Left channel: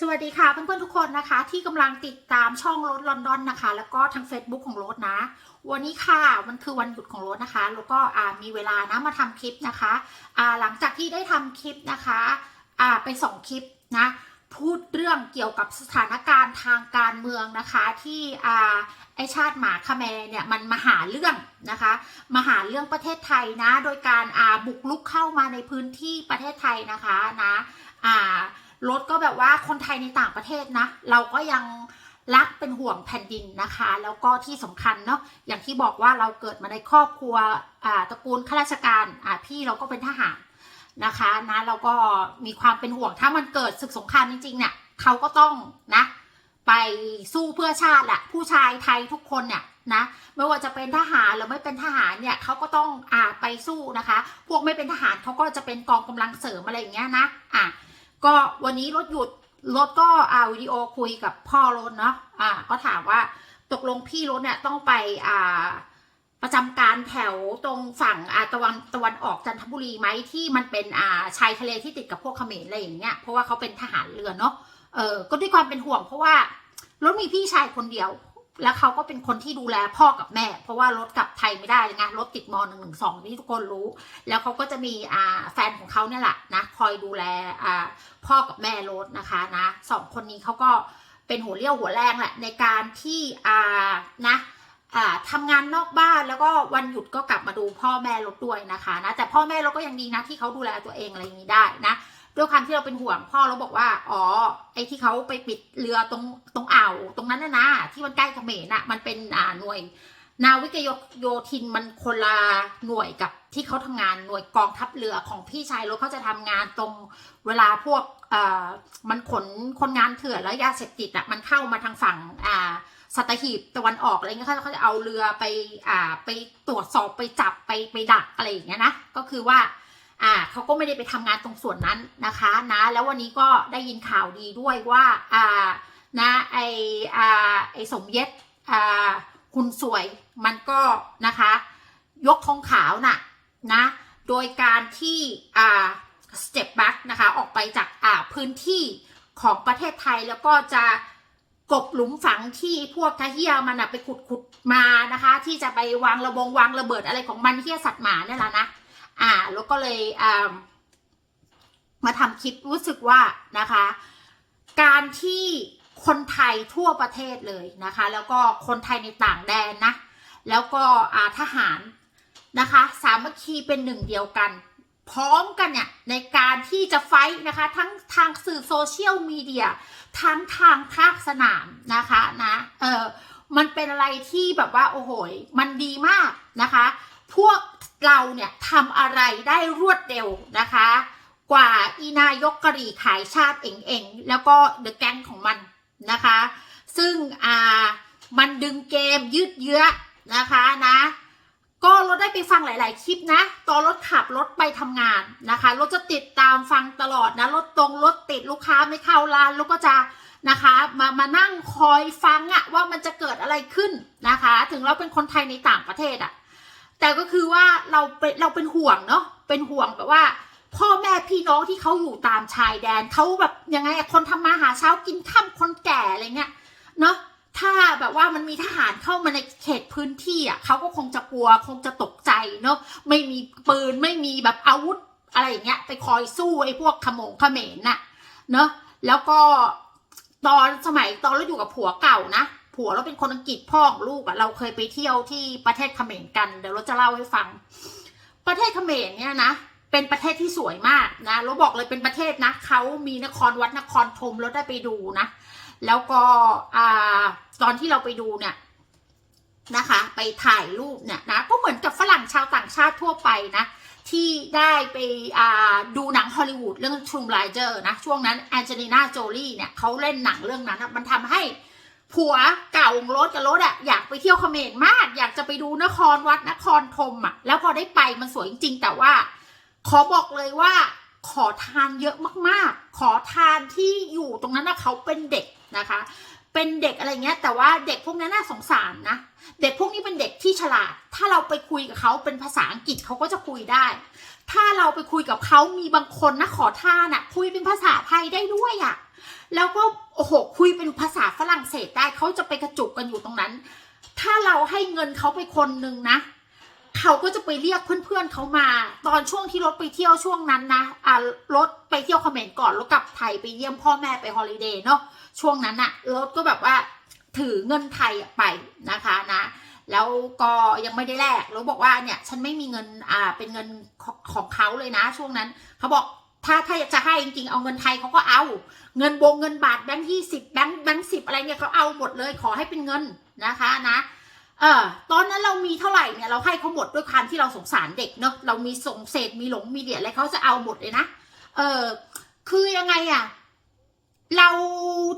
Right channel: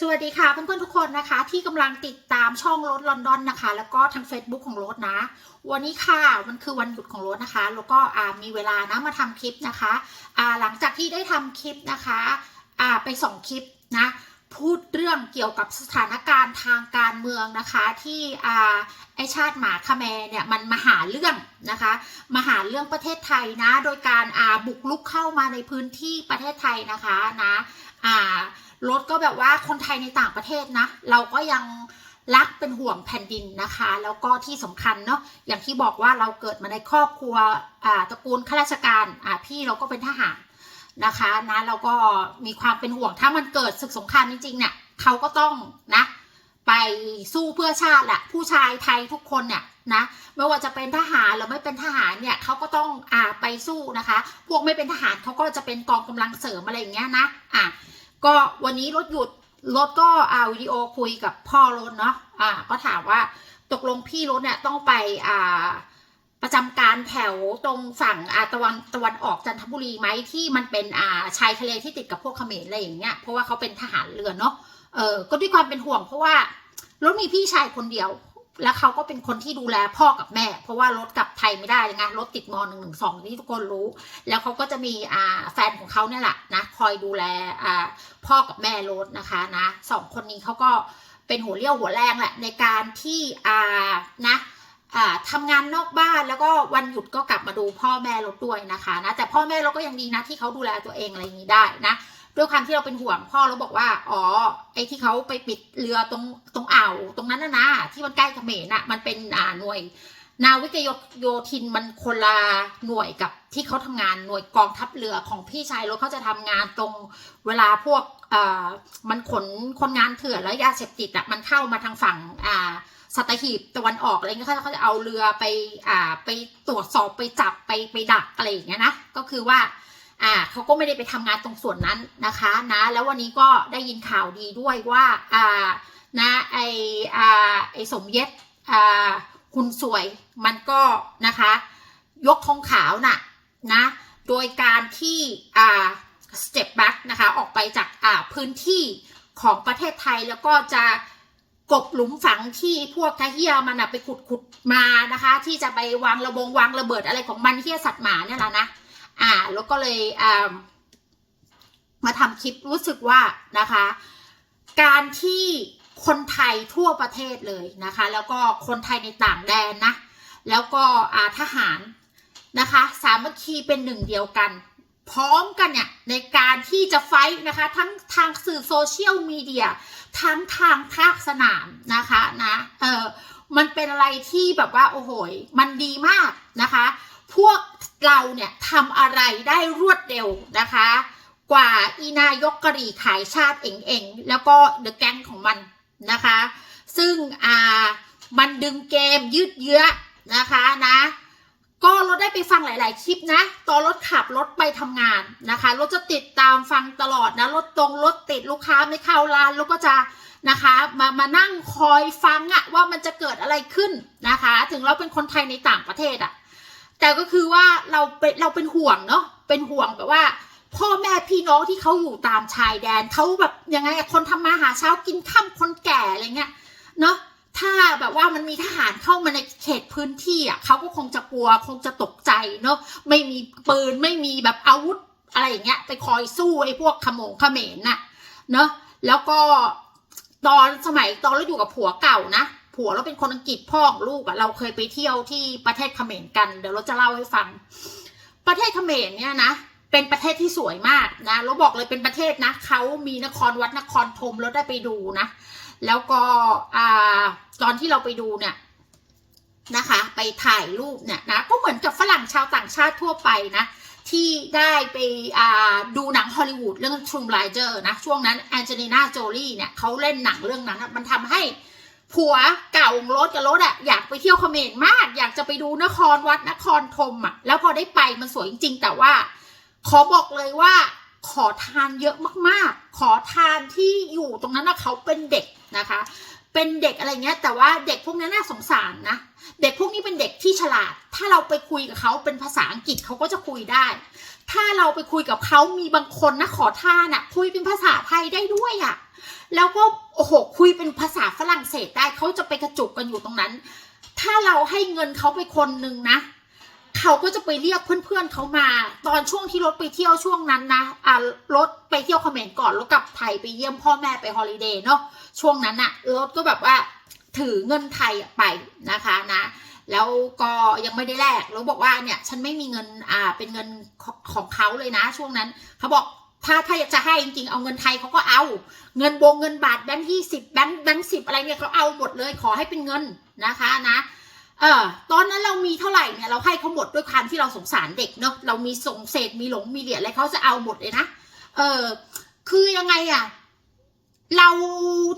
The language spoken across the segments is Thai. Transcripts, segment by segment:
สวัสดีค่ะเพื่อนๆทุกคนนะคะ ที่กำลังติดตามช่องรถลอนดอนนะคะ แล้วก็ทาง Facebook ของรถนะ วันนี้ค่ะมันคือวันหยุดของรถนะคะ แล้วก็อ่ามีเวลานะมาทำคลิปนะคะอ่าหลังจากที่ได้ทำคลิปนะคะอ่าไปสองคลิปนะพูดเรื่องเกี่ยวกับสถานการณ์ทางการเมืองนะคะ ที่อ่าไอชาติหมาคาแมเนี่ยมันมาหาเรื่องนะคะมาหาเรื่องประเทศไทยนะ โดยการอ่าบุกลุกเข้ามาในพื้นที่ประเทศไทยนะคะนะ อ่ารถก็แบบว่าคนไทยในต่างประเทศนะ เราก็ยังรักเป็นห่วงแผ่นดินนะคะ แล้วก็ที่สำคัญเนาะอย่างที่บอกว่าเราเกิดมาในครอบครัวอ่าตระกูลข้าราชการอ่าพี่เราก็เป็นทหารนะคะนะเราก็มีความเป็นห่วงถ้ามันเกิดศึกสงครามจริงๆเนี่ยเขาก็ต้องนะ ไปสู้เพื่อชาติแหละผู้ชายไทยทุกคนเนี่ยนะไม่ว่าจะเป็นทหารหรือไม่เป็นทหารเนี่ยเขาก็ต้องอ่าไปสู้นะคะ พวกไม่เป็นทหารเขาก็จะเป็นกองกำลังเสริมอะไรอย่างเงี้ยนะอะก็วันนี้รถหยุดรถก็อ่าวิดีโอคุยกับพ่อรถเนาะอ่าก็ถามว่าตกลงพี่รถเนี่ยต้องไปอ่าประจำการแถวตรงฝั่งอ่าตะวันตะวันออกจันทบุรีไหมที่มันเป็นอ่าชายทะเลที่ติดกับพวกเขมรอะไรอย่างเงี้ยเพราะว่าเขาเป็นทหารเรือเนาะ เออก็ด้วยความเป็นห่วงเพราะว่ารถมีพี่ชายคนเดียว แล้วเขาก็เป็นคนที่ดูแลพ่อกับแม่ เพราะว่ารถกลับไทยไม่ได้เลยไงรถติดมอหนึ่งหนึ่งสองที่ทุกคนรู้ แล้วเขาก็จะมีอ่าแฟนของเขาเนี่ยแหละนะคอยดูแลอ่าพ่อกับแม่รถนะคะนะสองคนนี้เขาก็เป็นหัวเรี่ยวหัวแรงแหละในการที่อ่านะอ่าทำงานนอกบ้านแล้วก็วันหยุดก็กลับมาดูพ่อแม่รถด้วยนะคะนะแต่พ่อแม่เราก็ยังดีนะที่เขาดูแลตัวเองอะไรอย่างนี้ได้นะ ด้วยความที่เราเป็นห่วงพ่อเราบอกว่า อ๋อ ไอ้ที่เขาไปปิดเรือตรงตรงอ่าวตรงนั้นนะนะที่มันใกล้เขมรน่ะ มันเป็นอ่าหน่วย นาวิกโยโยธินมันคนละหน่วยกับที่เขาทำงานหน่วยกองทัพเรือของพี่ชายรถเขาจะทำงานตรงเวลาพวกเอ่อมันขนคนงานเถื่อนแล้วยาเสพติดอะมันเข้ามาทางฝั่งอ่าสัตหีบตะวันออกอะไรเงี้ยเขาจะเอาเรือไปอ่าไปตรวจสอบไปจับไปไปดักอะไรอย่างเงี้ยนะก็คือว่า อ่าเขาก็ไม่ได้ไปทำงานตรงส่วนนั้นนะคะนะ แล้ววันนี้ก็ได้ยินข่าวดีด้วยว่าอ่านะไออ่าไอสมเย็ดอ่าคุณสวยมันก็นะคะ ยกธงขาวน่ะนะ โดยการที่อ่า step back นะคะ ออกไปจากอ่าพื้นที่ของประเทศไทยแล้วก็จะกบหลุมฝังที่พวกทะเฮียมันอะไปขุดขุดมานะคะ ที่จะไปวางระบงวางระเบิดอะไรของมันเฮียสัตว์หมาเนี่ยแหละนะ อ่า แล้วก็เลยอ่ามาทำคลิปรู้สึกว่านะคะ การที่คนไทยทั่วประเทศเลยนะคะ แล้วก็คนไทยในต่างแดนนะ แล้วก็อาทหารนะคะ สามัคคีเป็นหนึ่งเดียวกัน พร้อมกันเนี่ยในการที่จะไฟท์นะคะ ทั้งทางสื่อโซเชียลมีเดียทั้งทางภาคสนามนะคะนะเออมันเป็นอะไรที่แบบว่าโอ้โหมันดีมากนะคะ พวกเราเนี่ยทำอะไรได้รวดเร็วนะคะ กว่าอีนายกกะรี่ขายชาติเองเองๆแล้วก็เดอะแก๊งของมันนะคะ ซึ่งอ่ามันดึงเกมยืดเยื้อนะคะนะก็รถได้ไปฟังหลาย ๆ คลิปนะ ตอนรถขับรถไปทำงานนะคะ รถจะติดตามฟังตลอดนะ รถตรงรถติดลูกค้าไม่เข้าร้านรถก็จะนะคะ มา มานั่งคอยฟังอะว่ามันจะเกิดอะไรขึ้นนะคะ ถึงเราเป็นคนไทยในต่างประเทศอะ แต่ก็คือว่าเราเป็นเราเป็นห่วงเนาะเป็นห่วงแบบว่า พ่อแม่พี่น้องที่เขาอยู่ตามชายแดนเขาแบบยังไงคนทำมาหาเช้ากินข้ามคนแก่อะไรเงี้ยเนาะถ้าแบบว่ามันมีทหารเข้ามาในเขตพื้นที่อะเขาก็คงจะกลัวคงจะตกใจเนาะไม่มีปืนไม่มีแบบอาวุธอะไรอย่างเงี้ยไปคอยสู้ไอ้พวกขโมงเขมรน่ะเนาะแล้วก็ตอนสมัยตอนเราอยู่กับผัวเก่านะ ผัวเราเป็นคนอังกฤษพ่อของลูกอะเราเคยไปเที่ยวที่ประเทศเขมรกัน เดี๋ยวเราจะเล่าให้ฟัง ประเทศเขมรเนี่ยนะเป็นประเทศที่สวยมากนะเราบอกเลยเป็นประเทศนะเขามีนครวัดนครธมเราได้ไปดูนะ แล้วก็อ่าตอนที่เราไปดูเนี่ยนะคะ ไปถ่ายรูปเนี่ยนะก็เหมือนกับฝรั่งชาวต่างชาติทั่วไปนะที่ได้ไปอ่าดูหนังฮอลลีวูดเรื่อง True Liar นะ ช่วงนั้นแองเจลิน่าโจลี่เนี่ยเขาเล่นหนังเรื่องนั้น มันทำให้ ผัวเก่าของรถกับรถอะอยากไปเที่ยวเขมรมาก อยากจะไปดูนครวัดนครธมอะแล้วพอได้ไปมันสวยจริง ๆ แต่ว่า ขอบอกเลยว่า ขอทานเยอะมากๆ ขอทานที่อยู่ตรงนั้นนะเขาเป็นเด็กนะคะ เป็นเด็กอะไรเงี้ย แต่ว่าเด็กพวกนั้นน่าสงสารนะเด็กพวกนี้เป็นเด็กที่ฉลาด ถ้าเราไปคุยกับเขาเป็นภาษาอังกฤษเขาก็จะคุยได้ ถ้าเราไปคุยกับเขามีบางคนนะขอทานอะคุยเป็นภาษาไทยได้ด้วยอะ แล้วก็โอ้โหคุยเป็นภาษาฝรั่งเศสได้เขาจะไปกระจุกกันอยู่ตรงนั้น ถ้าเราให้เงินเขาไปคนหนึ่งนะเขาก็จะไปเรียกเพื่อนๆเขามา ตอนช่วงที่รถไปเที่ยวช่วงนั้นนะอ่ารถไปเที่ยวเขมรก่อนแล้วกลับไทยไปเยี่ยมพ่อแม่ไปฮอลิเดย์เนาะช่วงนั้นอะรถก็แบบว่าถือเงินไทยไปนะคะนะแล้วก็ยังไม่ได้แลกแล้วบอกว่าเนี่ยฉันไม่มีเงินอ่าเป็นเงินของของเขาเลยนะ ช่วงนั้นเขาบอก ถ้าถ้าอยากจะให้จริงๆ เอาเงินไทยเขาก็เอา เงินโบงเงินบาทแบงค์ยี่สิบแบงค์แบงค์สิบอะไรเนี่ยเขาเอาหมดเลยขอให้เป็นเงินนะคะนะเออตอนนั้นเรามีเท่าไหร่เนี่ยเราให้เขาหมดด้วยความที่เราสงสารเด็กเนาะเรามีส่งเศษมีหลงมีเหรียญอะไรเขาจะเอาหมดเลยนะเออคือยังไงอะเรา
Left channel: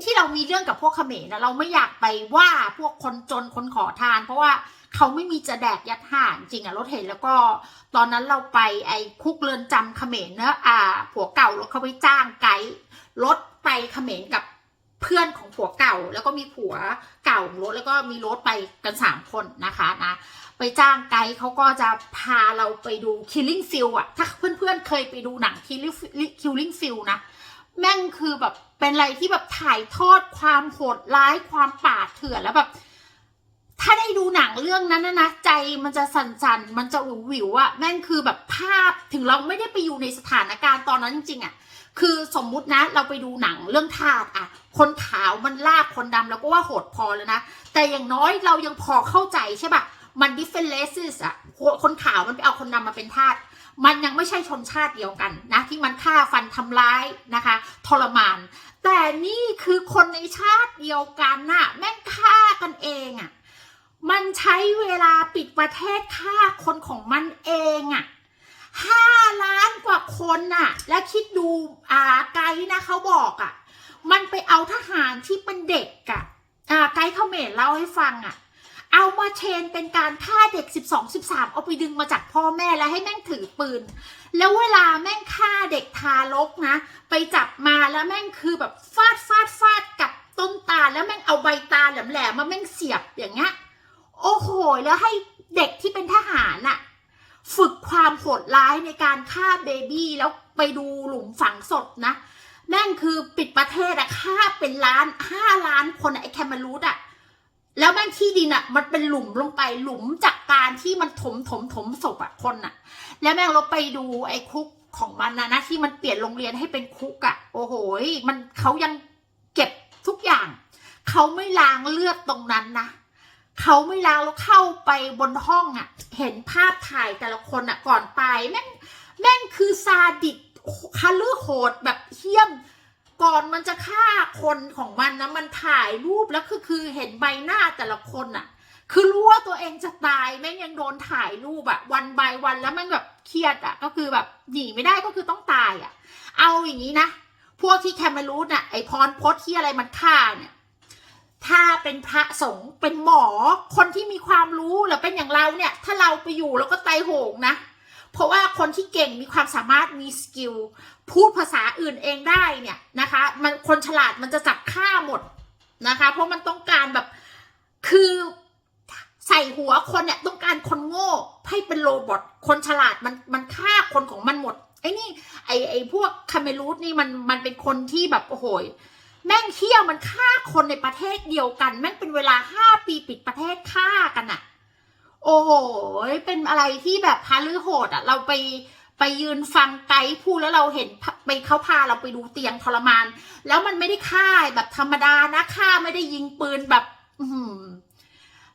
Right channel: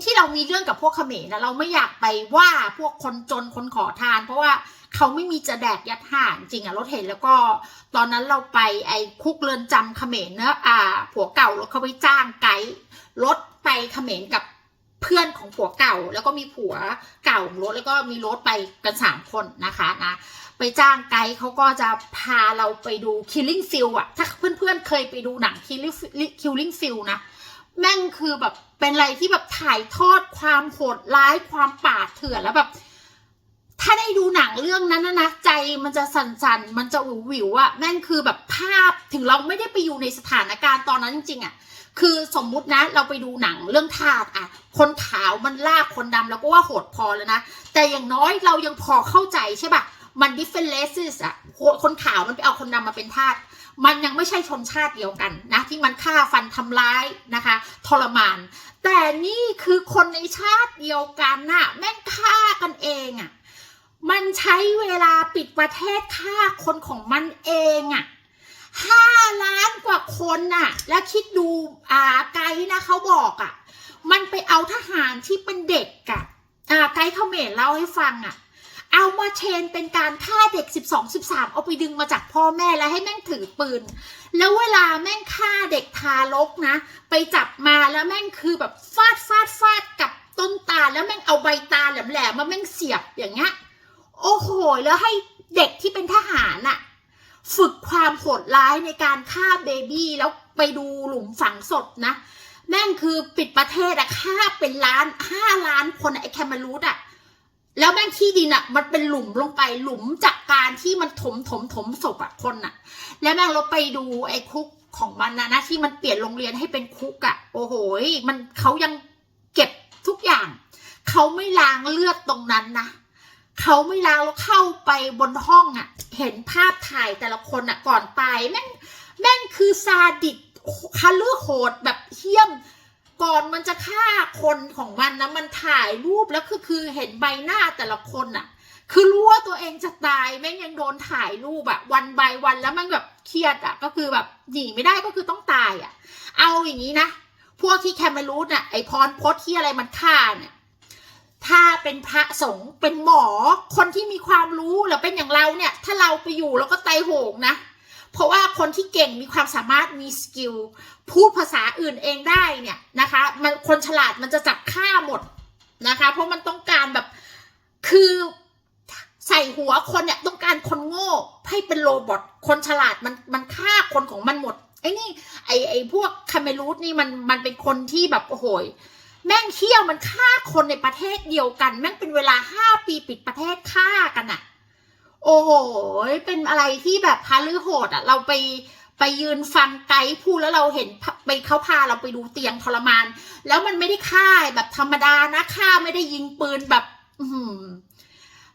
ที่เรามีเรื่องกับพวกเขมรนะเราไม่อยากไปว่าพวกคนจนคนขอทาน เพราะว่า เขาไม่มีจะแดกยัดห่านจริงอะรถเห็นแล้วก็ตอนนั้นเราไปไอ้คุกเรือนจำเขมรเนอะอ่า ผัวเก่ารถเขาไปจ้างไกด์รถไปเขมรกับเพื่อนของผัวเก่าแล้วก็มีผัวเก่าของรถแล้วก็มีรถไปกันสามคนนะคะนะไปจ้างไกด์เขาก็จะพาเราไปดู Killing Field อะถ้าเพื่อนๆเคยไปดูหนัง Killing Killing Field นะแม่งคือแบบเป็นอะไรที่แบบถ่ายทอดความโหดร้ายความป่าดเถื่อนแล้วแบบ ถ้าได้ดูหนังเรื่องนั้นนะนะใจมันจะสั่นๆ มันจะหวิววิวอะแม่งคือแบบภาพถึงเราไม่ได้ไปอยู่ในสถานการณ์ตอนนั้นจริงๆอะคือสมมุตินะเราไปดูหนังเรื่องทาสอะคนขาวมันลากคนดำเราก็ว่าโหดพอแล้วนะ แต่อย่างน้อยเรายังพอเข้าใจใช่ปะมัน different races อะคนขาวมันไปเอาคนดำมาเป็นทาสมันยังไม่ใช่ชนชาติเดียวกันนะ ที่มันฆ่าฟันทำร้ายนะคะ ทรมาน แต่นี่คือคนในชาติเดียวกันน่ะแม่งฆ่ากันเองอะ มันใช้เวลาปิดประเทศฆ่าคนของมันเองอะ่ะห้าล้านกว่าคนน่ะ แล้วคิดดูอ่าไกด์นะเขาบอกอะ่ะ มันไปเอาทหารที่เป็นเด็กอะ่ะอ่าไกด์เขมรเล่าให้ฟังอะ เอามาเชนเป็นการฆ่าเด็ก 12 13 เอาไปดึงมาจากพ่อแม่แล้วให้แม่งถือปืน แล้วเวลาแม่งฆ่าเด็กทารกนะ ไปจับมาแล้วแม่งคือแบบฟาดฟาดฟาดกับต้นตาลแล้วแม่งเอาใบตาลแหลมๆมาแม่งเสียบอย่างเงี้ย โอ้โห แล้วให้เด็กที่เป็นทหารน่ะฝึกความโหดร้ายในการฆ่าเบบี้แล้วไปดูหลุมฝังศพนะ แม่งคือปิดประเทศอะฆ่าเป็นล้านห้าล้านคนไอ้แคมารูดอะแล้วแม่งที่ดินอะมันเป็นหลุมลงไปหลุมจากการที่มันถมถมถมศพอะคนอะแล้วแม่งเราไปดูไอ้คุกของมันนะนะที่มันเปลี่ยนโรงเรียนให้เป็นคุกอะโอ้โหมันเขายังเก็บทุกอย่าง เขาไม่ล้างเลือดตรงนั้นนะ เขาไม่ล้างแล้วเข้าไปบนห้องอะเห็นภาพถ่ายแต่ละคนอะก่อนตายแม่งแม่งคือซาดิสคาลือโหดแบบเหี้ยม ก่อนมันจะฆ่าคนของมันนะมันถ่ายรูปแล้วคือคือเห็นใบหน้าแต่ละคนอะคือรู้ว่าตัวเองจะตายแม่งยังโดนถ่ายรูปอะวันใบวันแล้วมันแบบเครียดอะก็คือแบบหนีไม่ได้ก็คือต้องตายอะเอาอย่างนี้นะพวกที่แคมเมรูนน่ะไอพรพจน์ที่อะไรมันฆ่าเนี่ย ถ้าเป็นพระสงฆ์เป็นหมอ คนที่มีความรู้หรือเป็นอย่างเราเนี่ย ถ้าเราไปอยู่แล้วก็ไตโหงนะ เพราะว่าคนที่เก่งมีความสามารถมีสกิลพูดภาษาอื่นเองได้เนี่ยนะคะมันคนฉลาดมันจะจับฆ่าหมดนะคะ เพราะมันต้องการแบบคือใส่หัวคนเนี่ยต้องการคนโง่ให้เป็นโรบอทคนฉลาดมันมันฆ่าคนของมันหมดไอ้นี่ไอไอพวกคาเมรูดนี่มันมันเป็นคนที่แบบโอ้โหย แม่งเที่ยวมันฆ่าคนในประเทศเดียวกัน แม่งเป็นเวลาห้าปีปิดประเทศฆ่ากันอะโอ้โหเป็นอะไรที่แบบพาลือโหดอะเราไปไปยืนฟังไกด์พูดแล้วเราเห็นไปเขาพาเราไปดูเตียงทรมาน แล้วมันไม่ได้ฆ่าแบบธรรมดานะฆ่าไม่ได้ยิงปืนแบบ อื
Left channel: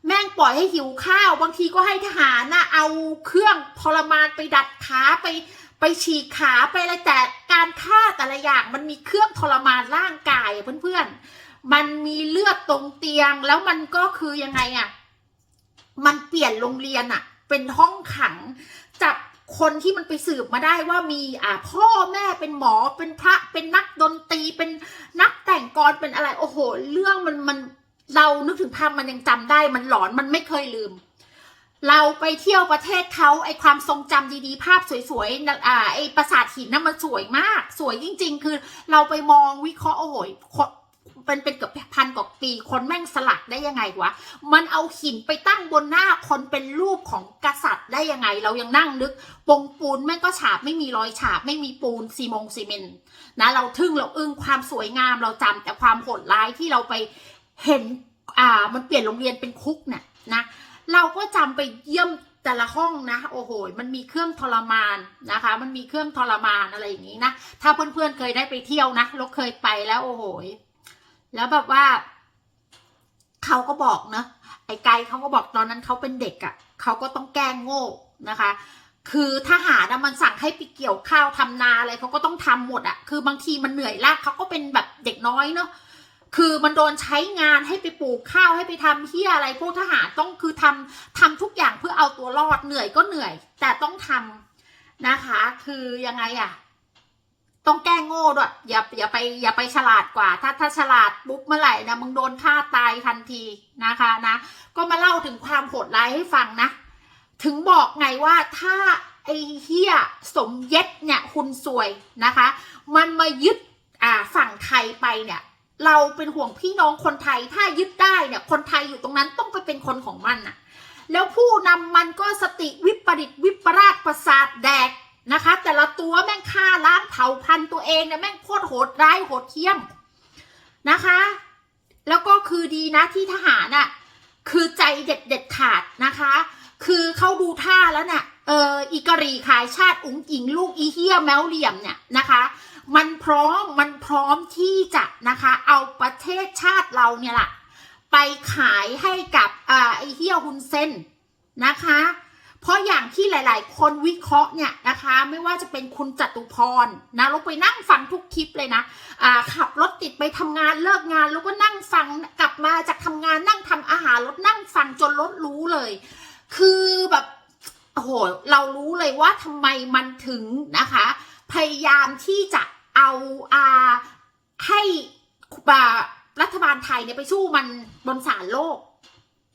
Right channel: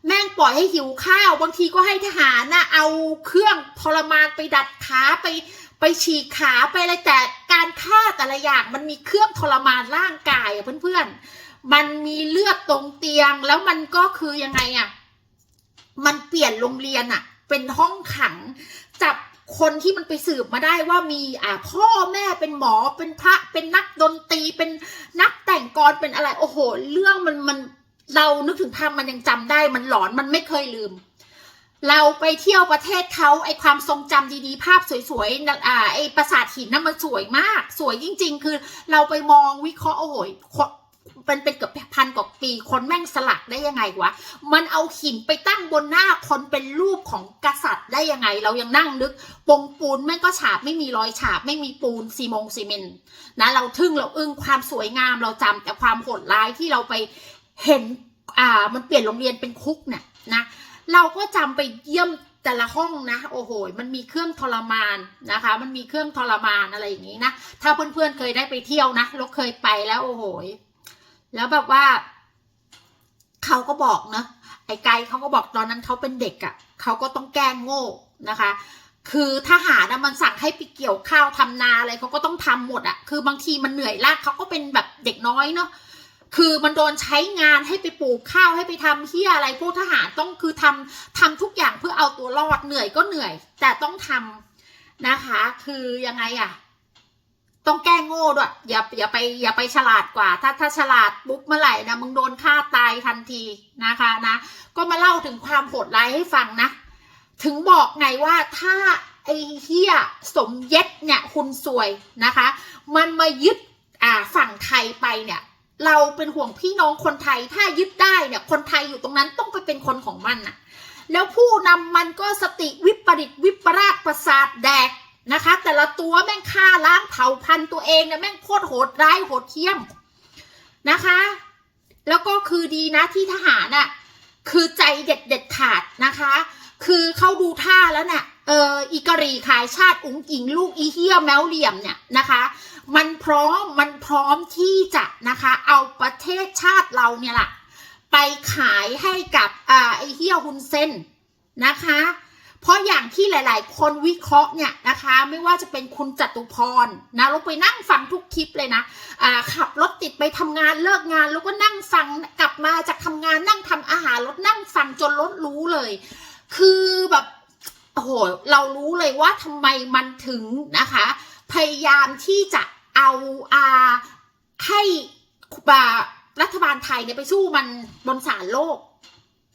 แม่งปล่อยให้หิวข้าว บางทีก็ให้ทหารนะเอาเครื่องทรมานไปดัดขาไป ไปฉีกขาไปอะไรแต่การฆ่าแต่ละอย่างมันมีเครื่องทรมานร่างกายอะเพื่อนๆ มันมีเลือดตรงเตียงแล้วมันก็คือยังไงอะมันเปลี่ยนโรงเรียนอะเป็นห้องขังจับคนที่มันไปสืบมาได้ว่ามีอ่าพ่อแม่เป็นหมอเป็นพระเป็นนักดนตรีเป็นนักแต่งกรเป็นอะไร โอ้โห เรื่องมันมันเรานึกถึงภาพมันยังจำได้มันหลอนมันไม่เคยลืม เราไปเที่ยวประเทศเขาไอความทรงจำดีๆ ภาพสวยๆนะอ่าไอปราสาทหินนั่นมันสวยมาก สวยจริง ๆ คือเราไปมองวิเคราะห์โอ้โหเป็นเป็นเกือบพันกว่าปีคนแม่งสลักได้ยังไงวะ มันเอาหินไปตั้งบนหน้าคนเป็นรูปของกษัตริย์ได้ยังไง เรายังนั่งนึกปงปูนแม่งก็ฉาบไม่มีรอยฉาบไม่มีปูนซีมงซีเมนนะเราทึ่งเราอึ้งความสวยงามเราจำแต่ความโหดร้ายที่เราไปเห็นอ่ามันเปลี่ยนโรงเรียนเป็นคุกเนี่ยนะ เราก็จำไปเยี่ยมแต่ละห้องนะโอ้โหมันมีเครื่องทรมานนะคะ มันมีเครื่องทรมานอะไรอย่างนี้นะถ้าเพื่อนๆเคยได้ไปเที่ยวนะเราเคยไปแล้วโอ้โหแล้วแบบว่าเขาก็บอกนะไอ้ไกด์เขาก็บอกตอนนั้นเขาเป็นเด็กอะ่ะเขาก็ต้องแกล้งโง่นะคะ คือทหารนะมันสั่งให้ไปเกี่ยวข้าวทำนาอะไรเขาก็ต้องทำหมดอะ่ะคือบางทีมันเหนื่อยลากเขาก็เป็นแบบเด็กน้อยเนาะ คือมันโดนใช้งานให้ไปปลูกข้าวให้ไปทำที่อะไรพวกทหารต้องคือทำทำทุกอย่างเพื่อเอาตัวรอดเหนื่อยก็เหนื่อย แต่ต้องทำนะคะ คือยังไงอะต้องแก้โง่ด้วยอย่าอย่าไปอย่าไปฉลาดกว่า ถ้าถ้าฉลาดปุ๊บเมื่อไหร่นะมึงโดนฆ่าตายทันทีนะคะนะ ก็มาเล่าถึงความโหดร้ายให้ฟังนะ ถึงบอกไงว่าถ้าไอ้เฮียสมเย็ดเนี่ยคุณสวยนะคะ มันมายึดอ่าฝั่งไทยไปเนี่ย เราเป็นห่วงพี่น้องคนไทยถ้ายึดได้เนี่ยคนไทยอยู่ตรงนั้นต้องไปเป็นคนของมันน่ะแล้วผู้นำมันก็สติวิปริตวิปราชประสาทแดกนะคะ แต่ละตัวแม่งฆ่าล้างเผ่าพันธุ์ตัวเองเนี่ยแม่งโคตรโหดร้ายโหดเหี้ยมนะคะ แล้วก็คือดีนะที่ทหารน่ะคือใจเด็ดเด็ดขาดนะคะ คือเขาดูท่าแล้วน่ะ เอออีกรีขายชาติอุ๋งอิงลูกอีเฮียแมวเหลี่ยมเนี่ยนะคะ มันพร้อมมันพร้อมที่จะนะคะเอาประเทศชาติเราเนี่ยแหละไปขายให้กับอ่าไอเฮียฮุนเซนนะคะ เพราะอย่างที่หลาย ๆ คนวิเคราะห์เนี่ยนะคะ ไม่ว่าจะเป็นคุณจตุพรนะเราไปนั่งฟังทุกคลิปเลยนะอ่าขับรถติดไปทำงานเลิกงาน แล้วก็นั่งฟังกลับมาจากทำงานนั่งทำอาหารรถนั่งฟังจนรถรู้เลย คือแบบ โอ้โหเรารู้เลยว่าทำไมมันถึงนะคะ พยายามที่จะเอาอาให้รัฐบาลไทยเนี่ยไปสู้มันบนศาลโลก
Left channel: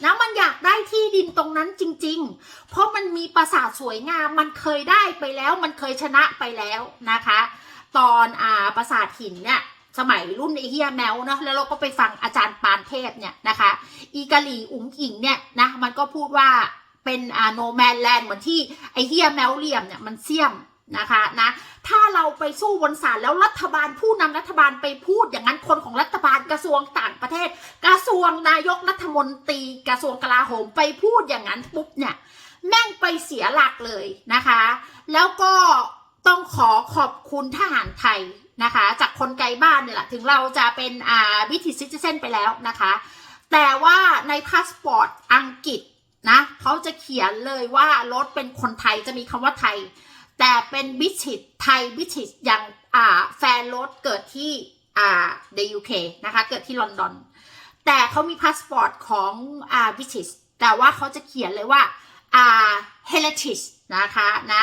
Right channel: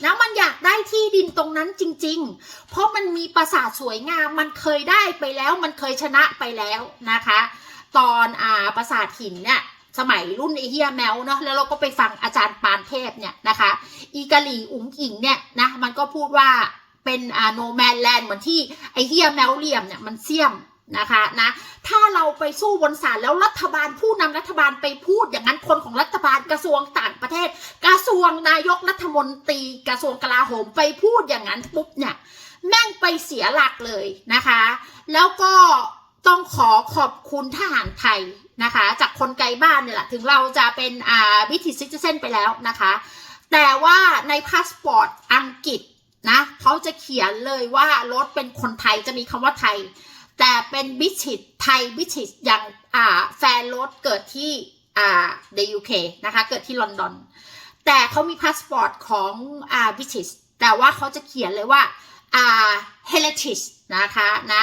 นะมันอยากได้ที่ดินตรงนั้นจริง ๆ เพราะมันมีปราสาทสวยงาม มันเคยได้ไปแล้ว มันเคยชนะไปแล้วนะคะ ตอนอ่าปราสาทหินเนี่ยสมัยรุ่นไอเฮียแมวเนาะแล้วเราก็ไปฟังอาจารย์ปานเทพเนี่ยนะคะ อีกาหลีอุ๋งอิงเนี่ยนะมันก็พูดว่า เป็นอ่าโนแมนแลนด์เหมือนที่ไอเฮียแมวเหลี่ยมเนี่ยมันเสี่ยมนะคะนะถ้าเราไปสู้บนศาลแล้วรัฐบาลผู้นำรัฐบาลไปพูดอย่างนั้นคนของรัฐบาลกระทรวงต่างประเทศ กระทรวงนายกรัฐมนตรีกระทรวงกลาโหมไปพูดอย่างนั้นปุ๊บเนี่ยแม่งไปเสียหลักเลยนะคะ แล้วก็ต้องขอขอบคุณทหารไทยนะคะ จากคนไกลบ้านเนี่ยแหละถึงเราจะเป็นอ่าบิทิซิติเซนไปแล้วนะคะ แต่ว่าในพาสปอร์ตอังกฤษ นะเขาจะเขียนเลยว่ารถเป็นคนไทยจะมีคำว่าไทย แต่เป็นบิชิตไทยบิชิตอย่างอ่าแฟนรถเกิดที่อ่าในยูเคนะคะเกิดที่ลอนดอน แต่เขามีพาสปอร์ตของอ่าบิชิตแต่ว่าเขาจะเขียนเลยว่าอ่าเฮเลติชนะคะนะ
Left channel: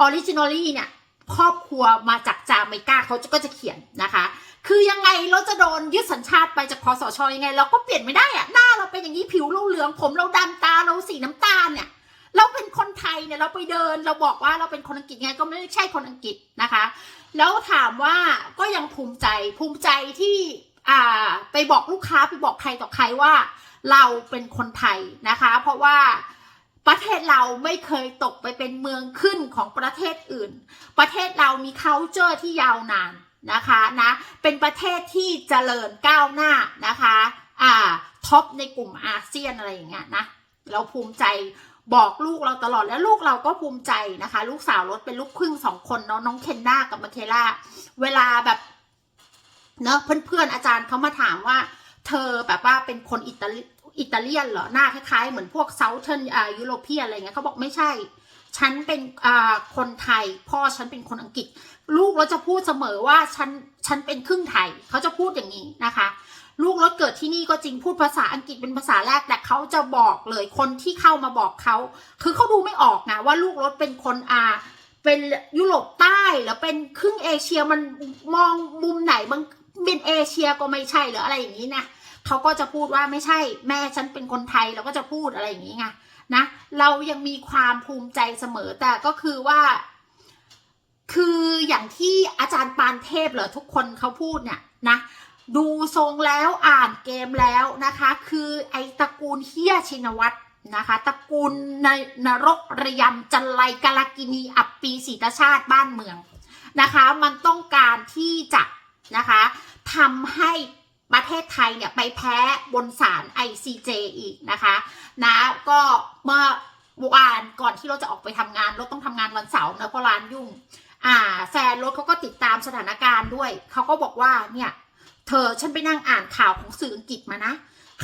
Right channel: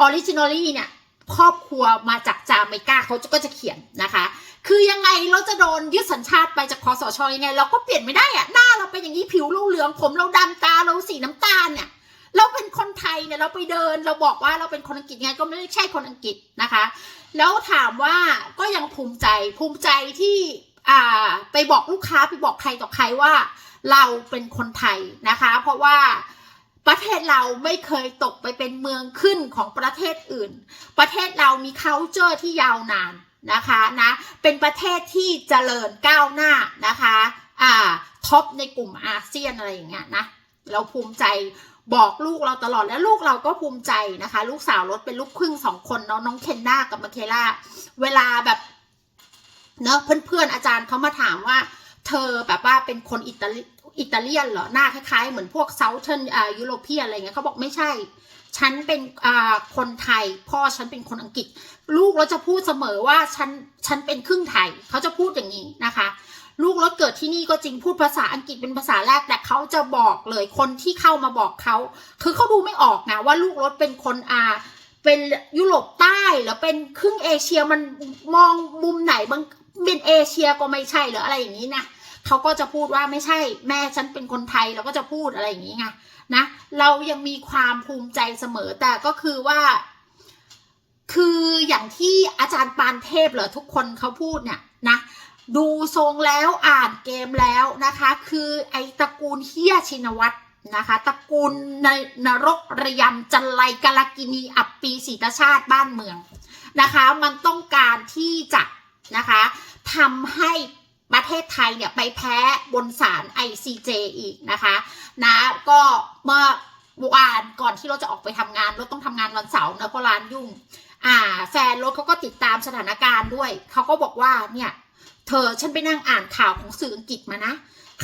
ออริจินอลี่เนี่ย ครอบครัวมาจากจาเมกาเขาก็จะเขียนนะคะ คือยังไงเราจะโดนยึดสัญชาติไปจากคอสชอยังไง เราก็เปลี่ยนไม่ได้อะหน้าเราเป็นอย่างนี้ผิวเราเหลือง ผมเราดำตาเราสีน้ำตาลเนี่ยเราเป็นคนไทยเนี่ยเราไปเดิน เราบอกว่าเราเป็นคนอังกฤษไงก็ไม่ได้ใช่คนอังกฤษนะคะ แล้วถามว่าก็ยังภูมิใจภูมิใจที่อ่าไปบอกลูกค้าไปบอกใครต่อใครว่า เราเป็นคนไทยนะคะ เพราะว่า ประเทศเราไม่เคยตกไปเป็นเมืองขึ้นของประเทศอื่น ประเทศเรามี culture ที่ยาวนานนะคะนะเป็นประเทศที่เจริญก้าวหน้านะคะอ่าท็อปในกลุ่มอาเซียนอะไรอย่างเงี้ยนะเราภูมิใจบอกลูกเราตลอดแล้วลูกเราก็ภูมิใจนะคะ ลูกสาวรถเป็นลูกครึ่งสองคนเนาะน้องเคนด้ากับมาเคล่าเวลาแบบเนาะเพื่อนๆอาจารย์เขามาถามว่า เธอแบบว่าเป็นคนอิตาลี อิตาเลียนเหรอหน้าคล้ายๆ เหมือนพวกเซาเทิร์นอ่ายุโรเปียอะไรเงี้ยเขาบอกไม่ใช่ ฉันเป็นอ่าคนไทย พ่อฉันเป็นคนอังกฤษ ลูกเราจะพูดเสมอว่าฉันฉันเป็นครึ่งไทย เขาจะพูดอย่างนี้นะคะ ลูกรถเกิดที่นี่ก็จริงพูดภาษาอังกฤษเป็นภาษาแรกแต่เขาจะบอกเลยคนที่เข้ามาบอกเขาคือเขาดูไม่ออกนะว่าลูกรถเป็นคนอาเป็นยุโรปใต้หรือเป็นครึ่งเอเชียมันมองมุมไหนบางเป็นเอเชียก็ไม่ใช่หรืออะไรอย่างนี้นะ เขาก็จะพูดว่าไม่ใช่แม่ฉันเป็นคนไทยเราก็จะพูดอะไรอย่างนี้ไงนะเรายังมีความภูมิใจเสมอแต่ก็คือว่า คืออย่างที่อาจารย์ปานเทพเหรอทุกคนเขาพูดเนี่ยนะดูทรงแล้วอ่านเกมแล้วนะคะ คือไอตระกูลเฮียชินวัตรนะคะตระกูลในนรกระยำจันไลกาลกินีอับปีศรีตชาติบ้านเมืองนะคะ มันต้องการที่จะนะคะทำให้ ประเทศไทยเนี่ยไปแพ้บนศาล ICJ อีกนะคะนะก็เมื่อวานก่อนที่เราจะออกไปทำงานเราต้องทำงานวันเสาร์นะเพราะร้านยุ่ง อ่า แฟนรถเขาก็ติดตามสถานการณ์ด้วย เขาก็บอกว่าเนี่ย เธอฉันไปนั่งอ่านข่าวของสื่ออังกฤษมานะ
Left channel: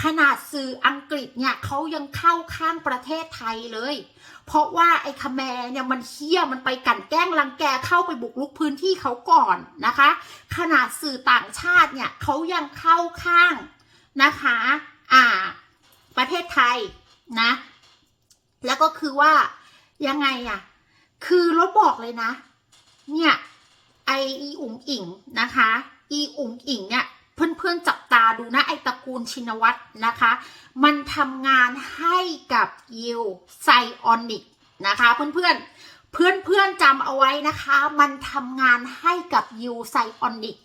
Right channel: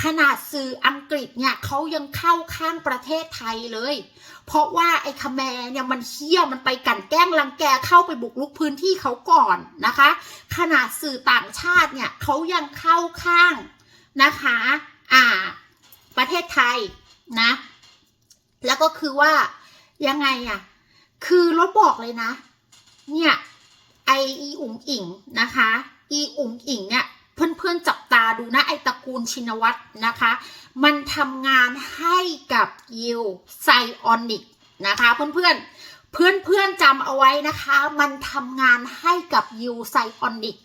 ขนาดสื่ออังกฤษเนี่ยเขายังเข้าข้างประเทศไทยเลย เพราะว่าไอ้คแมเนี่ยมันเฮี้ยมันไปกันแกล้งรังแกเข้าไปบุกลุกพื้นที่เขาก่อนนะคะ ขนาดสื่อต่างชาติเนี่ยเขายังเข้าข้างนะคะอ่าประเทศไทยนะแล้วก็คือว่ายังไงอะ่ะคือรถบอกเลยนะ เนี่ยไออีอุ๋งอิงนะคะ อีอุ๋งอิงเนี่ย เพื่อนๆจับตาดูนะ ไอตระกูลชินวัตรนะคะ มันทำงานให้กับยิวไซออนิกนะคะ เพื่อนๆ เพื่อนๆจำเอาไว้นะคะ มันทำงานให้กับยิวไซออนิก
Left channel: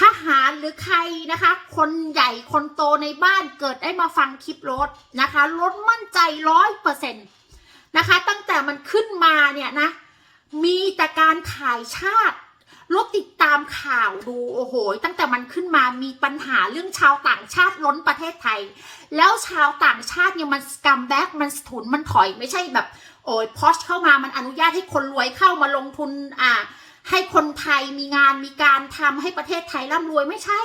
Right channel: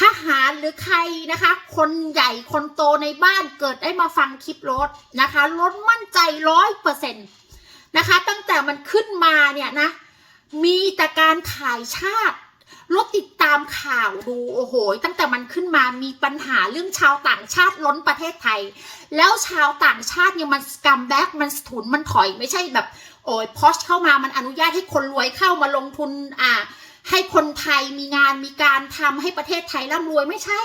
ทหารหรือใครนะคะ คนใหญ่คนโตในบ้านเกิดได้มาฟังคลิปรถนะคะรถมั่นใจร้อยเปอร์เซ็นต์นะคะ ตั้งแต่มันขึ้นมาเนี่ยนะ มีแต่การขายชาติ รถติดตามข่าวดูโอ้โห ตั้งแต่มันขึ้นมามีปัญหาเรื่องชาวต่างชาติล้นประเทศไทย แล้วชาวต่างชาติเนี่ยมันกัมแบ็กมันถุนมันถอยไม่ใช่แบบโอ้ยพอชเข้ามามันอนุญาตให้คนรวยเข้ามาลงทุนอ่าให้คนไทยมีงานมีการทำให้ประเทศไทยร่ำรวยไม่ใช่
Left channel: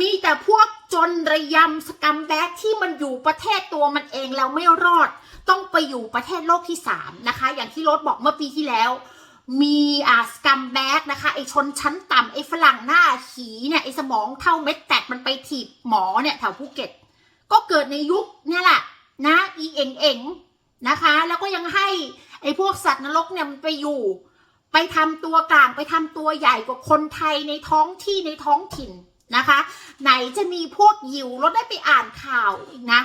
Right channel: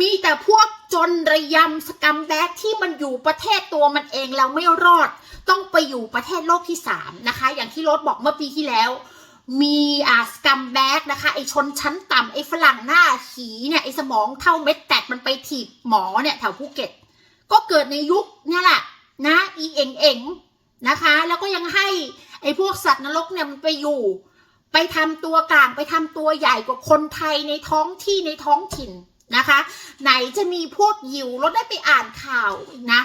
มีแต่พวกจนระยำสกัมแบ็กที่มันอยู่ประเทศตัวมันเองแล้วไม่รอด ต้องไปอยู่ประเทศโลกที่สามนะคะ อย่างที่รถบอกเมื่อปีที่แล้ว มีอ่าสกัมแบ็กนะคะไอชนชั้นต่ำไอฝรั่งหน้าขีเนี่ยไอสมองเท่าเม็ดแตกมันไปถีบหมอเนี่ยแถวภูเก็ต ก็เกิดในยุคเนี่ยแหละนะอีเอ็งเอ็งนะคะ แล้วก็ยังให้ไอพวกสัตว์นรกเนี่ยมันไปอยู่ ไปทำตัวกลางไปทำตัวใหญ่กว่าคนไทยในท้องที่ในท้องถิ่นนะคะ ไหนจะมีพวกยิวรถได้ไปอ่านข่าวอีกนะ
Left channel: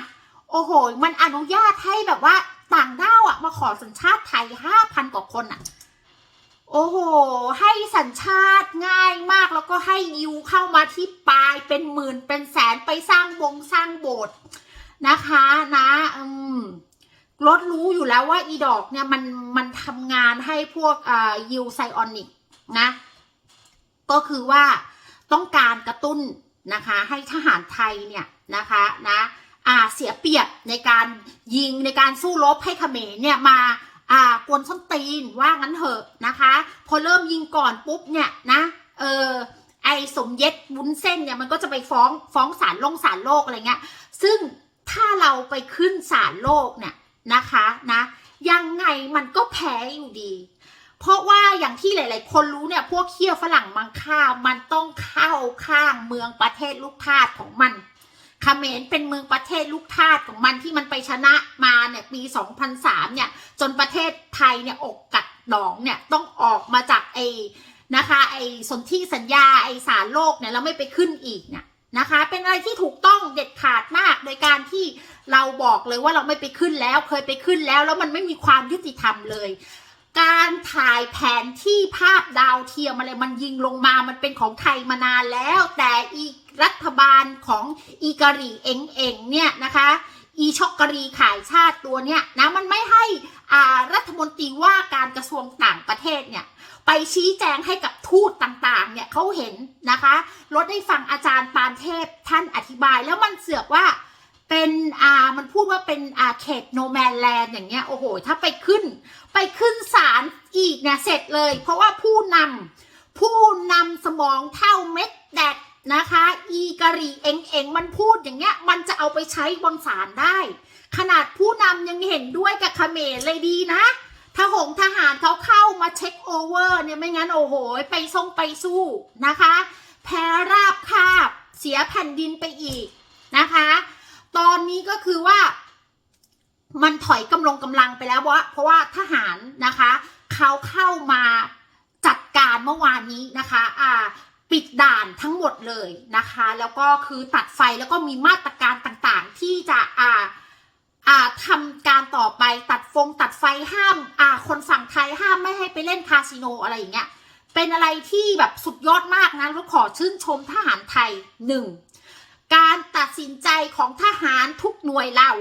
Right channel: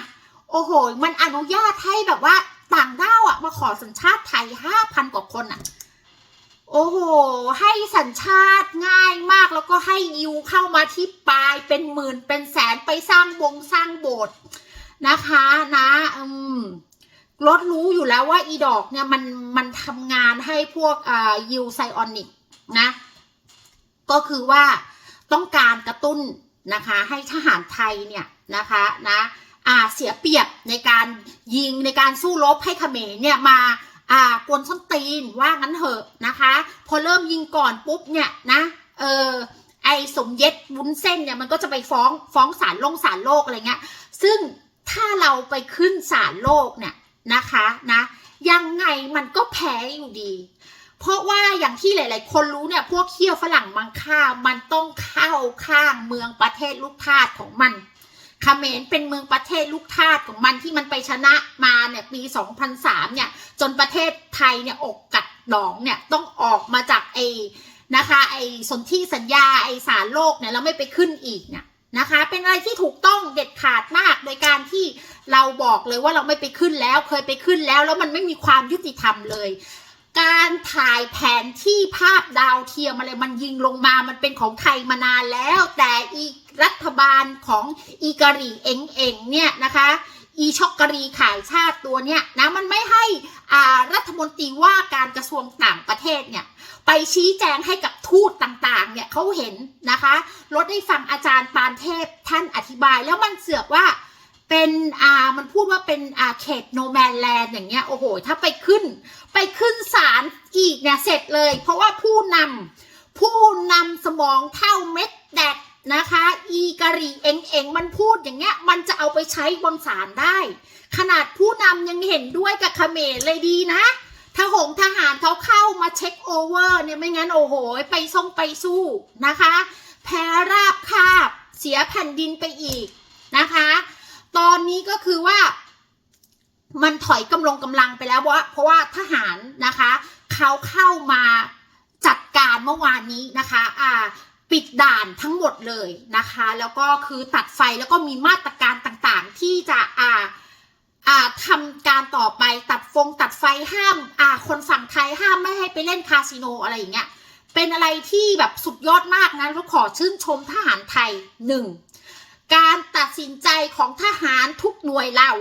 โอ้โห มันอนุญาตให้แบบว่าต่างด้าวอะมาขอสัญชาติไทยห้าพันกว่าคนอะ โอ้โห ให้สัญชาติง่ายมากแล้วก็ให้ยิวเข้ามาที่ปลายเป็นหมื่นเป็นแสนไปสร้างวงสร้างโบสถ์นะคะนะอืมรถรู้อยู่แล้วว่าอีดอกเนี่ยมันมันทำงานให้พวกอ่ายูไซออนิกนะ ก็คือว่าต้องการกระตุ้นนะคะ ให้ทหารไทยเนี่ยนะคะนะอ่าเสียเปรียบในการยิงในการสู้รบให้เขมรเนี่ยมา อ่ากวนส้นตีนว่างั้นเถอะนะคะ พอเริ่มยิงก่อนปุ๊บเนี่ยนะเออไอสมเย็ดวุ้นเส้นเนี่ยมันก็จะไปฟ้องฟ้องศาลลงศาลโลกอะไรเงี้ย ซึ่งถ้าเราไปขึ้นศาลโลกเนี่ยนะคะนะยังไงมันก็แพ้อยู่ดี เพราะว่าอย่างที่หลาย ๆ คนรู้เนี่ยพวกเคี้ยวฝรั่งมังค่ามันต้องเข้าข้างเมืองประเทศลูกทาสของมัน เขมรเป็นเมืองประเทศลูกทาสของมันที่มันไปชนะมาเนี่ยปี 2003 เนี่ย จนประเทศไทยเนี่ยอกกัดหนองเนี่ยต้องออกมาจากไอ้นะคะไอ้สนธิสัญญาไอ้สารโลกเนี่ยแล้วไม่ไปขึ้นอีกเนี่ยนะคะเป็นอะไรที่ถูกต้องเด็ดขาดมากโดยการที่เราบอกเลยว่าเราไม่ไปขึ้นแล้วเคยไปขึ้นแล้ว แล้วมันไม่มีความยุติธรรมเลย การถ่ายแผนที่ภาพดาวเทียมอะไรมันยิงลงมา มันเป็นของไทยมานานแล้ว แต่อีรัฐบาลของอีกรีเองเองเนี่ยนะคะ อีช็อกกรีขายชาติตัวเนี่ยนะมันไม่ให้อ่ารัฐมนตรีว่าการกระทรวงต่างประเทศเนี่ยไปชี้แจงให้กับทูตต่างๆ เนี่ยเขาเห็นนะคะรถได้ฟังอาจารย์ปานเทพท่านอธิบายแล้วมันเสือกว่า เป็นอ่ามันพูดว่าเป็นอ่าเขตโนแมนแลนด์อย่างเงี้ยโอ้โห ถ้าไปขึ้น ไปขึ้นศาลอีกเนี่ยเสร็จเลย เพราะว่าผู้นำผู้นำสมองเท่าเม็ดแดกนะคะ อีกะรีเองเองมันพูดอย่างเงี้ย มันจะเอาไปใช้บนศาลได้ ขนาดผู้นำยังเห็นด้วยกับเขมรเลยดีนะทหงทหารเขาเข้ามาเช็คโอเวอร์เนี่ยไม่งั้นโอ้โห ไปส่งไปสู้นะคะ แพ้ราบคาบ เสียแผ่นดินไปอีกนะคะ ตอนนี้ก็คือว่ามันถอยกำลงกำลังไปแล้วเพราะว่าเพราะว่าทหารนะคะเขาเข้ามาจัดการเมื่อวานนี้นะคะอ่าปิดด่านทั้งหมดเลยนะคะ แล้วก็คือตัดไฟแล้วก็มีมาตรการต่างๆ ที่จะอ่าอ่าทำการต่อไปตัดฟงตัดไฟห้ามอ่าคนฝั่งไทยห้ามไม่ให้ไปเล่นคาสิโนอะไรอย่างเงี้ยเป็นอะไรที่แบบสุดยอดมากนะแล้วขอชื่นชมทหารไทยหนึ่ง การตัดสินใจของทหารทุกหน่วยเรา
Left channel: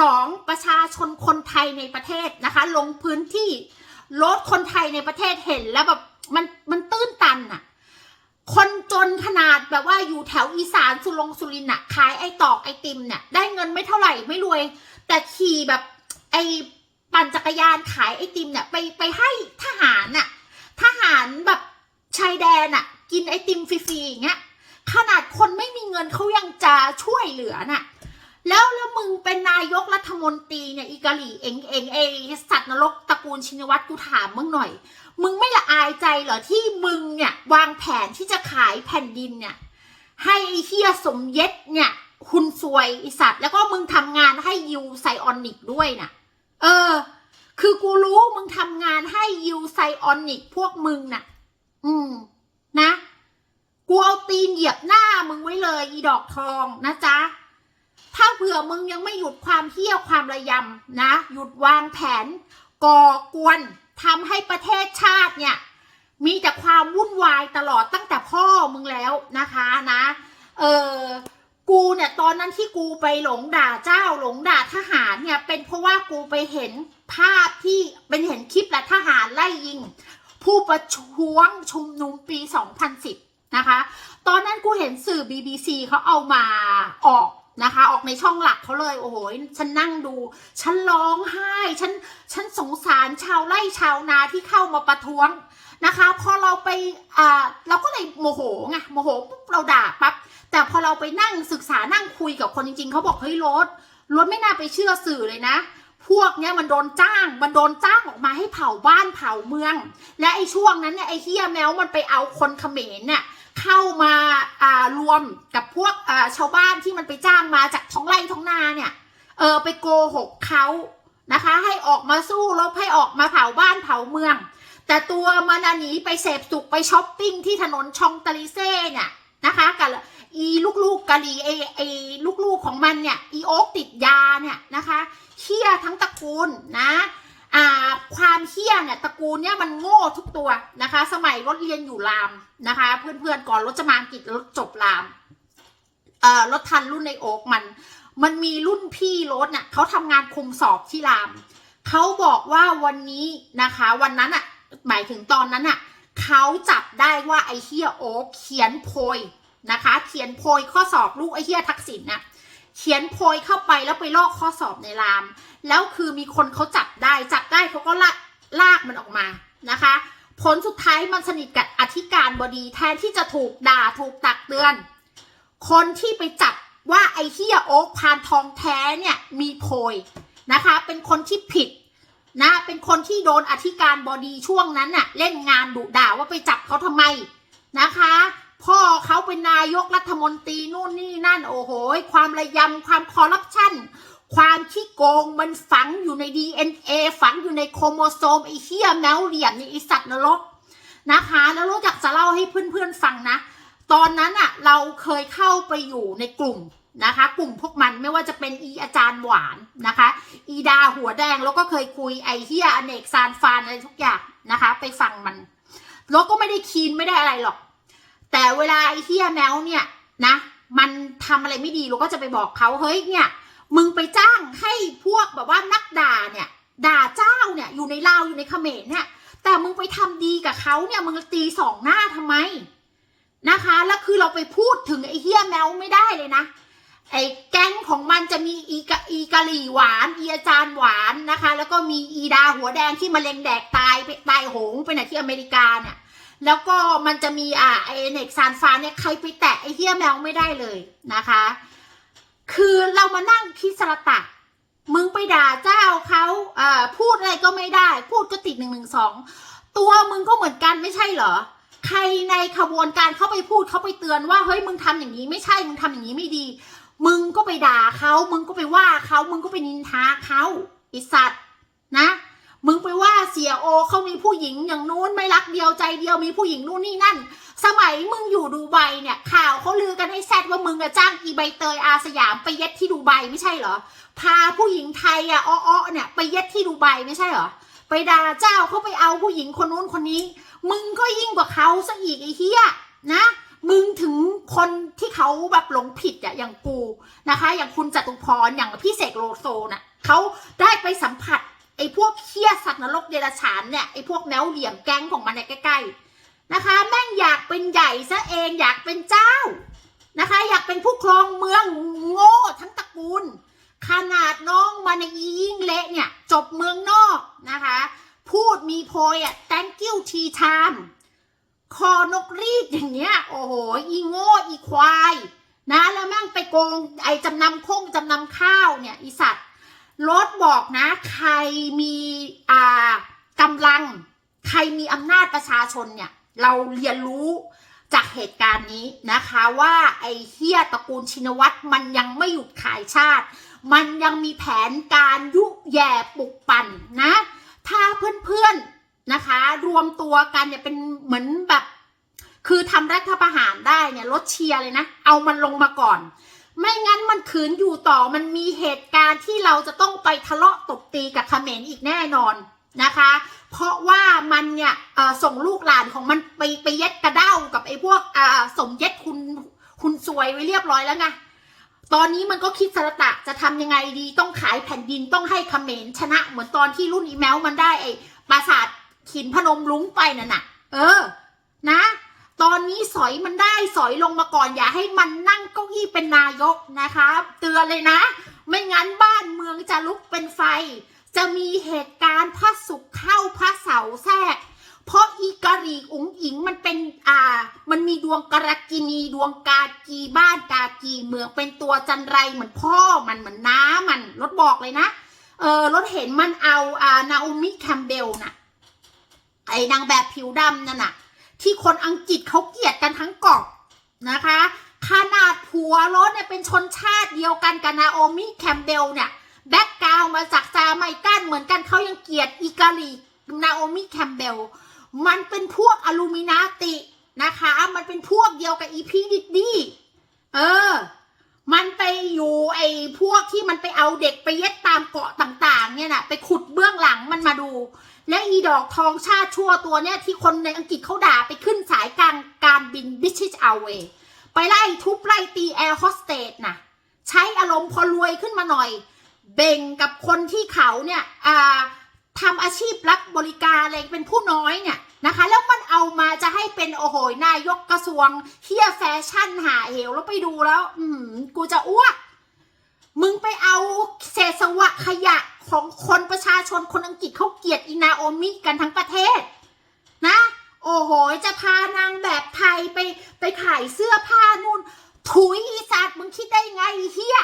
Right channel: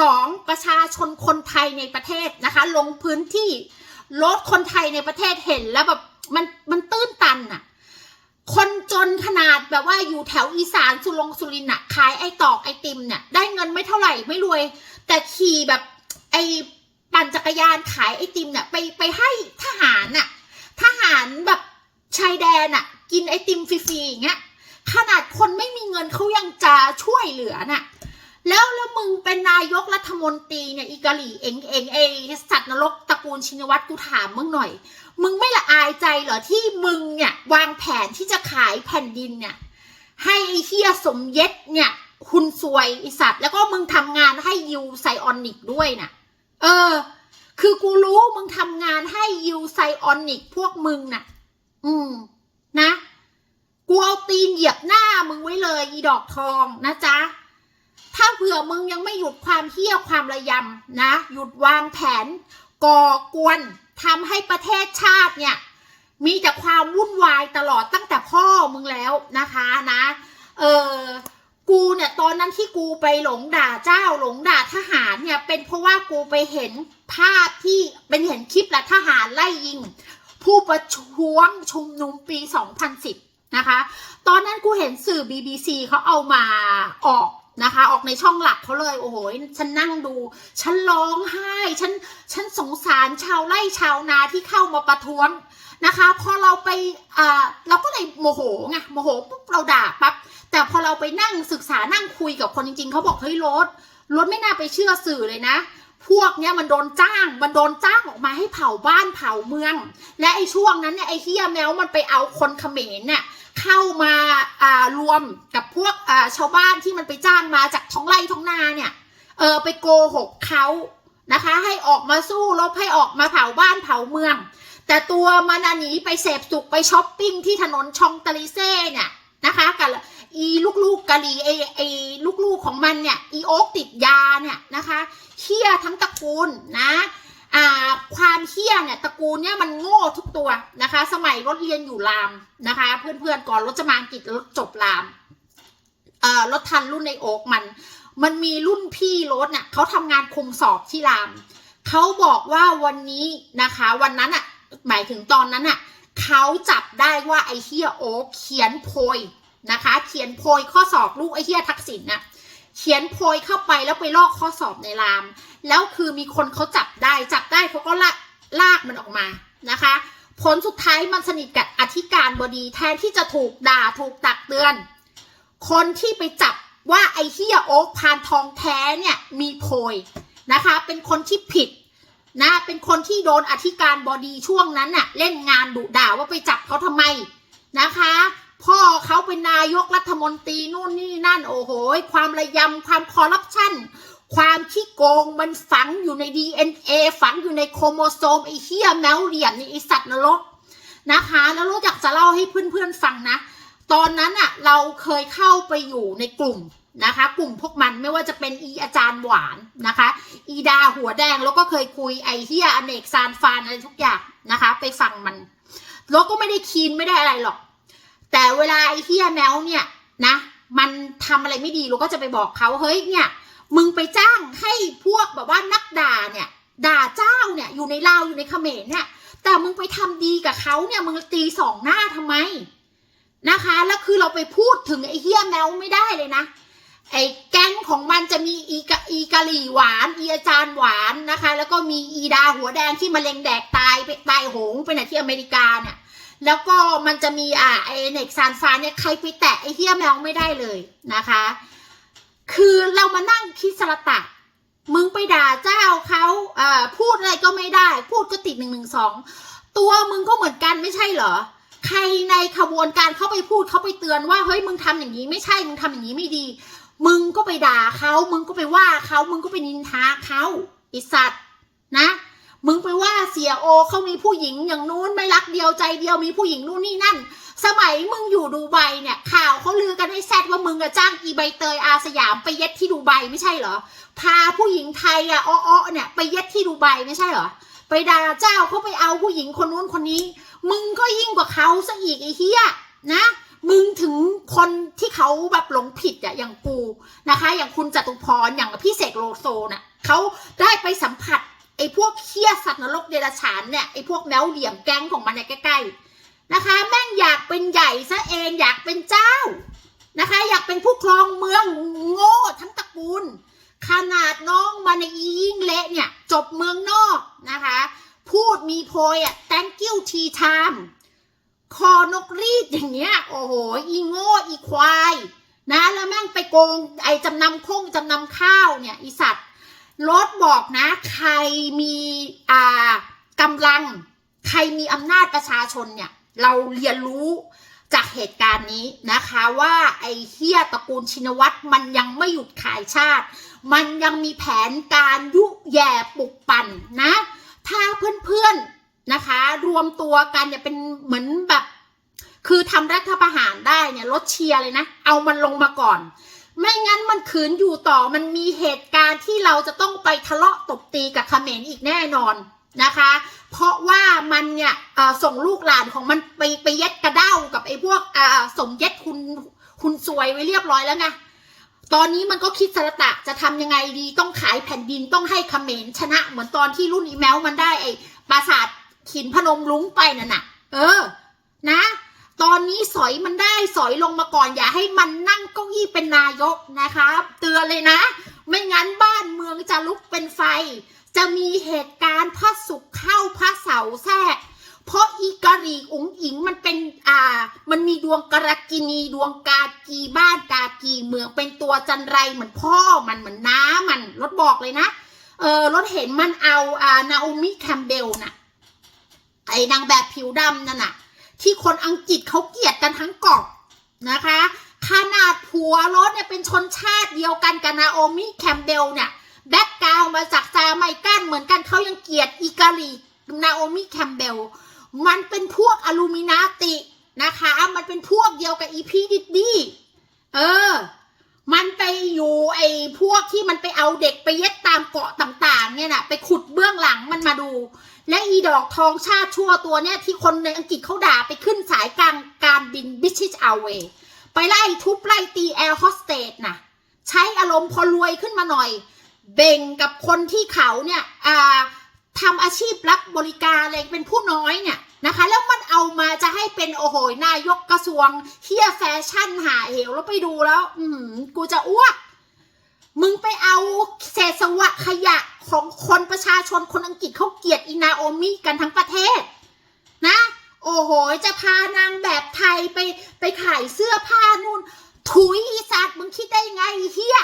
สองประชาชนคนไทยในประเทศนะคะ ลงพื้นที่รถคนไทยในประเทศเห็นแล้วแบบมันมันตื้นตันอะคนจนขนาดแบบว่าอยู่แถวอีสานสุรงสุรินทร์อะขายไอตอกไอติมเนี่ยได้เงินไม่เท่าไหร่ไม่รวย แต่ขี่แบบไอปั่นจักรยานขายไอติมเนี่ยไปไปให้ทหารน่ะทหารแบบชายแดนอะกินไอติมฟรีๆอย่างเงี้ย ขนาดคนไม่มีเงินเขายังจะช่วยเหลือน่ะ แล้วแล้วมึงเป็นนายกรัฐมนตรีเนี่ยอีกาลีเองเองไอสัตว์นรกตระกูลชินวัตรกูถามมึงหน่อย มึงไม่ละอายใจเหรอที่มึงเนี่ยวางแผนที่จะขายแผ่นดินเนี่ยให้ไอเฮียสมเย็ดเนี่ยคุณซวยไอสัตว์ แล้วก็มึงทำงานให้ยูไซออนิกด้วยน่ะ เออ คือกูรู้มึงทำงานให้ยูไซออนิกพวกมึงน่ะ อืม นะ กูเอาตีนเหยียบหน้ามึงไว้เลยอีดอกทองนะจ๊ะ ถ้าเผื่อมึงยังไม่หยุดความเที่ยวความระยำนะ หยุดวางแผน ก่อกวนทำให้ประเทศชาติเนี่ย มีแต่ความวุ่นวายตลอดตั้งแต่พ่อมึงแล้วนะคะนะ เออกูเนี่ยตอนนั้นที่กูไปหลงด่าเจ้าหลงด่าทหารเนี่ยเป็นเพราะว่ากูไปเห็นภาพที่เป็นเห็นคลิปและทหารไล่ยิง ผู้ประท้วงชุมนุมปี 2010 นะคะ ตอนนั้นกูเห็นสื่อ BBC เขาเอามาออกนะคะ ออกในช่องหลักเขาเลย โอ้โห ฉันนั่งดู ฉันร้องไห้ ฉัน ฉันสงสารชาวไร่ชาวนาที่เข้ามาประท้วงนะคะ พอเราไปอ่าเราก็เลยโมโหไง โมโหปุ๊บเราด่าปั๊บ แต่พอเราไปนั่งศึกษานั่งคุยกับคนจริง ๆ เขาบอกเฮ้ยรถรถไม่น่าไปเชื่อสื่อเลยนะ พวกเนี้ยมันโดนจ้าง มันโดนจ้างออกมาให้เผาบ้านเผาเมือง และไอ้ช่วงนั้นเนี่ยไอ้เฮียแมวมันไปเอาคนเขมรเนี่ย เข้ามาอ่ารวมกับพวกอ่าชาวบ้านที่มันไปจ้างมาจากท้องไร่ท้องนาเนี่ยเออไปโกหกเขานะคะ ให้ออกมาสู้รบให้ออกมาเผาบ้านเผาเมือง แต่ตัวมันหนีไปเสพสุขไปช้อปปิ้งที่ถนนชองตาลิเซ่เนี่ยนะคะกับอีลูกๆกะลีไอไอลูกๆของมันเนี่ยอีโอ๊กติดยาเนี่ยนะคะเชี่ยทั้งตระกูลนะ อ่าความเชี่ยเนี่ยตระกูลเนี่ยมันโง่ทุกตัวนะคะ สมัยรถเรียนอยู่รามนะคะ เพื่อนๆก่อนรถจะมาอังกฤษรถจบรามเอ่อรถทันรุ่นในโอ๊กมัน มันมีรุ่นพี่รถเนี่ยเขาทำงานคุมสอบที่รามเขาบอกว่าวันนี้นะคะ วันนั้นอะหมายถึงตอนนั้นอะเขาจับได้ว่าไอเฮียโอ๊กเขียนโพยนะคะ เขียนโพยข้อสอบลูกไอเฮียทักษิณน่ะ เขียนโพยเข้าไปแล้วไปลอกข้อสอบในราม แล้วคือมีคนเขาจับได้ จับได้เขาก็ลากลากมันออกมานะคะ ผลสุดท้ายมันสนิทกับอธิการบดีแทนที่จะถูกด่าถูกตักเตือน คนที่ไปจับว่าไอ้เฮียโอ๊กพานทองแท้เนี่ยมีโพยนะคะ เป็นคนที่ผิดนะเป็นคนที่โดนอธิการบดีช่วงนั้นน่ะเล่นงานดุด่าว่าไปจับเขาทำไมนะคะ พ่อเขาเป็นนายกรัฐมนตรีนู่นนี่นั่น โอ้โห ความระยำความคอร์รัปชันความขี้โกงมันฝังอยู่ใน DNA ฝังอยู่ในโครโมโซมไอ้เหี้ยแมวเหลี่ยมนี่ไอสัตว์นรกนะคะแล้วรู้จักจะเล่าให้เพื่อนๆฟังนะ ตอนนั้นอะเราเคยเข้าไปอยู่ในกลุ่มนะคะ กลุ่มพวกมันไม่ว่าจะเป็นอีอาจารย์หวานนะคะ อีดาหัวแดงแล้วก็เคยคุยไอเฮียอเนกซานฟานอะไรทุกอย่างนะคะ ไปฟังมัน แล้วก็ไม่ได้คีนไม่ได้อะไรหรอก แต่เวลาไอ้เฮียแมวเนี่ยนะ มันทำอะไรไม่ดีเราก็จะไปบอกเขาเฮ้ยเนี่ย มึงไปจ้างให้พวกแบบว่านักด่าเนี่ย ด่าเจ้าเนี่ยอยู่ในลาวอยู่ในเขมรเนี่ย แต่มึงไปทำดีกับเขาเนี่ยมึงตีสองหน้าทำไมนะคะ แล้วคือเราไปพูดถึงไอ้เฮียแมวไม่ได้เลยนะไอ้แก๊งของมันจะมีอีกอีกะหรี่หวานอีอาจารย์หวานนะคะ แล้วก็มีอีดาหัวแดงที่มะเร็งแดกตายไปตายโหงไปไหนที่อเมริกาเนี่ย แล้วก็มันจะมีอ่าไอเน็กซานฟาเนี่ยใครไปแตะไอเฮียแมวไม่ได้เลยนะคะ คือเรามานั่งคิดสระตะมึงไปด่าเจ้าเขาอ่าพูดอะไรก็ไม่ได้ พูดก็ติดหนึ่งหนึ่งสองตัวมึงก็เหมือนกันไม่ใช่เหรอ ใครในขบวนการเข้าไปพูดเขาไปเตือนว่าเฮ้ยมึงทำอย่างนี้ไม่ใช่มึงทำอย่างนี้ไม่ดี มึงก็ไปด่าเขามึงก็ไปว่าเขามึงก็ไปนินทาเขาไอสัตว์นะ มึงไปว่าเสียโอเขามีผู้หญิงอย่างนู้นไม่รักเดียวใจเดียวมีผู้หญิงนู่นนี่นั่น สมัยมึงอยู่ดูไบเนี่ยข่าวเขาลือกันให้แซดว่ามึงอะจ้างอีใบเตยอาสยามไปเย็ดที่ดูไบไม่ใช่เหรอ พาผู้หญิงไทยอะอ้อเนี่ยไปเย็ดที่ดูไบไม่ใช่เหรอ ไปด่าเจ้าเขาไปเอาผู้หญิงคนนู้นคนนี้ มึงก็ยิ่งกว่าเขาซะอีกไอ้เหี้ยนะมึงถึงคนที่เขาแบบหลงผิดอะอย่างกูนะคะ อย่างคุณจตุพรอย่างพี่เสกโลโซน่ะเขาได้ไปสัมผัส ไอ้พวกเคี้ยสัตว์นรกเดรัจฉานเนี่ยไอ้พวกแนวเหลี่ยมแก๊งของมันเนี่ยใกล้ๆนะคะ แม่งอยากเป็นใหญ่ซะเองอยากเป็นเจ้านะคะ อยากเป็นผู้ครองเมืองโง่ทั้งตระกูล ขนาดน้องมันอียิ่งเละเนี่ยจบเมืองนอกนะคะ พูดมีโพยอะ thank you tea time คอนกรีดอย่างเงี้ยโอ้โหอีโง่อีควายนะแล้วแม่งไปโกงไอ้จำนำคงจำนำข้าวเนี่ยอีสัตว์ รถบอกนะ ใครมีอ่ากำลัง ใครมีอำนาจประชาชนเนี่ย เราเรียนรู้จากเหตุการณ์นี้นะคะว่าไอ้เฮียตระกูลชินวัตรมันยังไม่หยุดขายชาติ มันยังมีแผนการยุแย่ปลุกปั่นนะ ถ้าเพื่อนๆนะคะ รวมตัวกันเนี่ยเป็นเหมือนแบบ คือทำรัฐประหารได้เนี่ยลดเชียร์เลยนะ เอามันลงมาก่อน ไม่งั้นมันขืนอยู่ต่อมันมีเหตุการณ์ที่เราจะต้องไปทะเลาะตบตีกับเขมรอีกแน่นอนนะคะ เพราะว่ามันเนี่ยส่งลูกหลานของมันไปไปเย็ดกระเด้ากับไอ้พวกสมเย็ดคุณคุณซวยไว้เรียบร้อยแล้วไงตอนนี้มันก็คิดสระตะจะทำยังไงดีต้องขายแผ่นดินต้องให้เขมรชนะ เหมือนตอนที่รุ่นอีแมวมันได้ไอ้ปราสาทขินพนมลุ้งไปนั่นน่ะ เออ นะ ตอนนี้สอยมันได้สอยลงมาก่อนอย่าให้มันนั่งเก้าอี้เป็นนายกนะคะ เตือนเลยนะ ไม่งั้นบ้านเมืองจะลุกเป็นไฟ จะมีเหตุการณ์พระศุกร์เข้าพระเสาแทรกเพราะอีกะรีอุ๋งอิงมันเป็นอ่า มันมีดวงกรกินีดวงกากีบ้านกากีเมืองเป็นตัวจันไรเหมือนพ่อมันเหมือนน้ามันรถบอกเลยนะเออรถเห็นมันเอาอ่านาโอมิแคมเบลน่ะไอ้นางแบบผิวดำนั่นน่ะ ที่คนอังกฤษเขาเกลียดกันทั้งเกาะนะคะ ขนาดผัวรถเนี่ยเป็นชนชาติเดียวกันกับนาโอมิแคมเบลเนี่ยแบ็กกราวมาจากจาไมกันเหมือนกันเขายังเกลียดอีกาลีนาโอมิแคมเบลมันเป็นพวกอลูมินาตินะคะ มันเป็นพวกเดียวกับอีพีดิดดี้เออ มันไปอยู่ไอ้พวกที่มันไปเอาเด็กไปเย็ดตามเกาะต่าง ๆ เนี่ยนะไปขุดเบื้องหลังมันมาดู และอีดอกทองชาติชั่วตัวเนี่ยที่คนในอังกฤษเขาด่าไปขึ้นสายกลางการบินบิชิชเอาเวไปไล่ทุบไล่ตีแอร์โฮสเตสนะใช้อารมณ์พอรวยขึ้นมาหน่อย เบ่งกับคนที่เขาเนี่ยทำอาชีพรับบริการอะไรเป็นผู้น้อยเนี่ยนะคะ แล้วมันเอามาจะให้เป็นโอ้โหนายกกระทรวงเฮียแฟชั่นหาเหวแล้วไปดูแล้ว อืมกูจะอ้วกมึงไปเอาเศษสวะขยะ ของคนประชาชนคนอังกฤษเขาเกลียดอีนาโอมิกันทั้งประเทศ นะ โอ้โห จะพานางแบบไทยไปไปขายเสื้อผ้านู่น ถุยอีสัตว์มึงคิดได้ไงเฮีย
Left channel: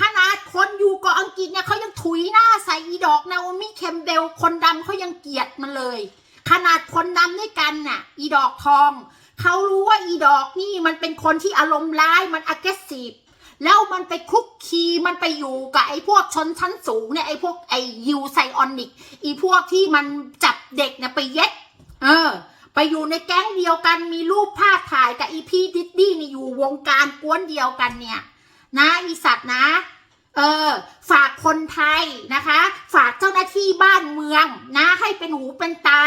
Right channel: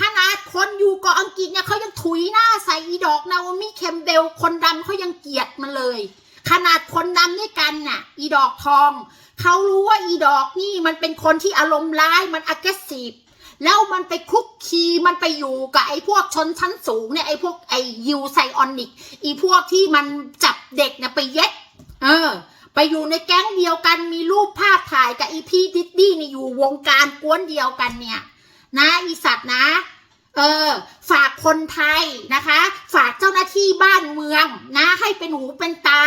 ขนาดคนอยู่เกาะอังกฤษเนี่ยเขายังถุยหน้าใส่อีดอกนาโอมิเคมเบลคนดำเขายังเกลียดมันเลย ขนาดคนดำด้วยกันน่ะ อีดอกทองเขารู้ว่าอีดอกนี่มันเป็นคนที่อารมณ์ร้ายมัน aggressive แล้วมันไปคุกคีมันไปอยู่กับไอ้พวกชนชั้นสูงเนี่ยไอ้พวกไอ้ยูไซออนิกอีพวกที่มันจับเด็กเนี่ยไปเย็ด เออ ไปอยู่ในแก๊งเดียวกันมีรูปภาพถ่ายกับอีพีดิดดี้นี่อยู่วงการกวนเดียวกันเนี่ย นะอีสัตว์นะ เออ ฝากคนไทยนะคะ ฝากเจ้าหน้าที่บ้านเมืองนะ ให้เป็นหูเป็นตา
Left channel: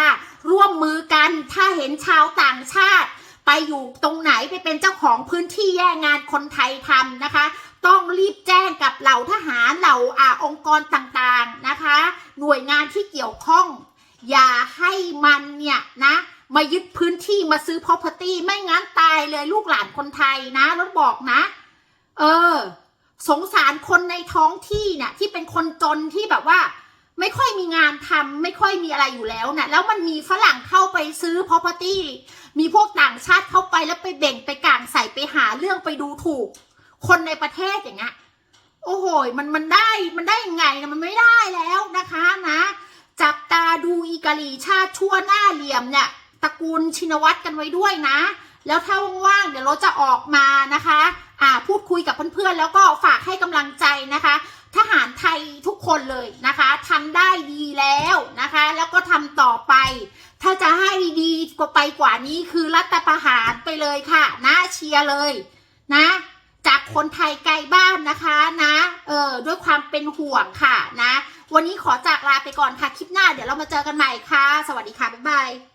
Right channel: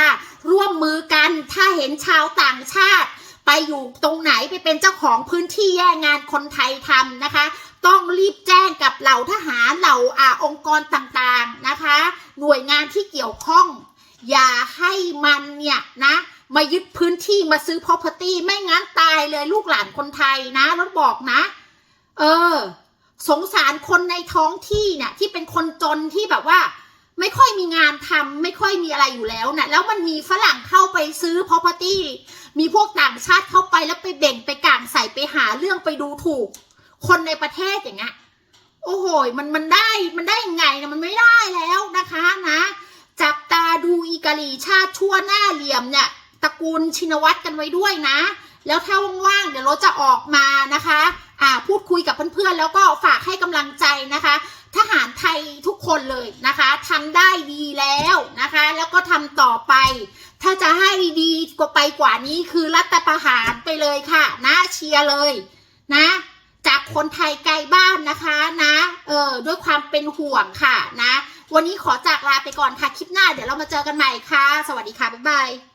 ร่วมมือกันถ้าเห็นชาวต่างชาติ ไปอยู่ตรงไหนไปเป็นเจ้าของพื้นที่แย่งงานคนไทยทำนะคะ ต้องรีบแจ้งกับเหล่าทหารเหล่าอาองค์กรต่างๆนะคะ หน่วยงานที่เกี่ยวข้อง อย่าให้มันเนี่ยนะมายึดพื้นที่มาซื้อ property ไม่งั้นตายเลยลูกหลานคนไทยนะรถบอกนะ เออ สงสารคนในท้องที่เนี่ยที่เป็นคนจนที่แบบว่า ไม่ค่อยมีงานทำไม่ค่อยมีอะไรอยู่แล้วนะแล้วมันมีฝรั่งเข้าไปซื้อ property มีพวกต่างชาติเข้าไปแล้วไปเบ่งไปกางใส่ไปหาเรื่องไปดูถูก คนในประเทศอย่างเงี้ยโอ้โหมันมันได้มันได้ยังไงนะมันไม่ได้แล้วนะคะนะ จับตาดูอีกาลีชาติชั่วหน้าเหลี่ยมเนี่ยตระกูลชินวัตรกันไว้ด้วยนะ แล้วถ้าว่างๆเดี๋ยวเราจะออกมานะคะ พูดคุยกับเพื่อนๆ แล้วก็ฝากให้กำลังใจนะคะ ทหารไทยทุกคนเลยนะคะทำได้ดีแล้วนะคะ แล้วก็ทำต่อไป ถ้าจะให้ดีกว่าไปกว่านี้คือรัฐประหารไปเลยค่ะ นะเชียร์เลยนะจากคนไทยไกลบ้านนะคะนะ เออด้วยความเป็นห่วงค่ะนะ วันนี้ขอจากลาไปก่อนค่ะ คลิปหน้าเดี๋ยวเรามาเจอกันใหม่ค่ะ สวัสดีค่ะ บ๊ายบาย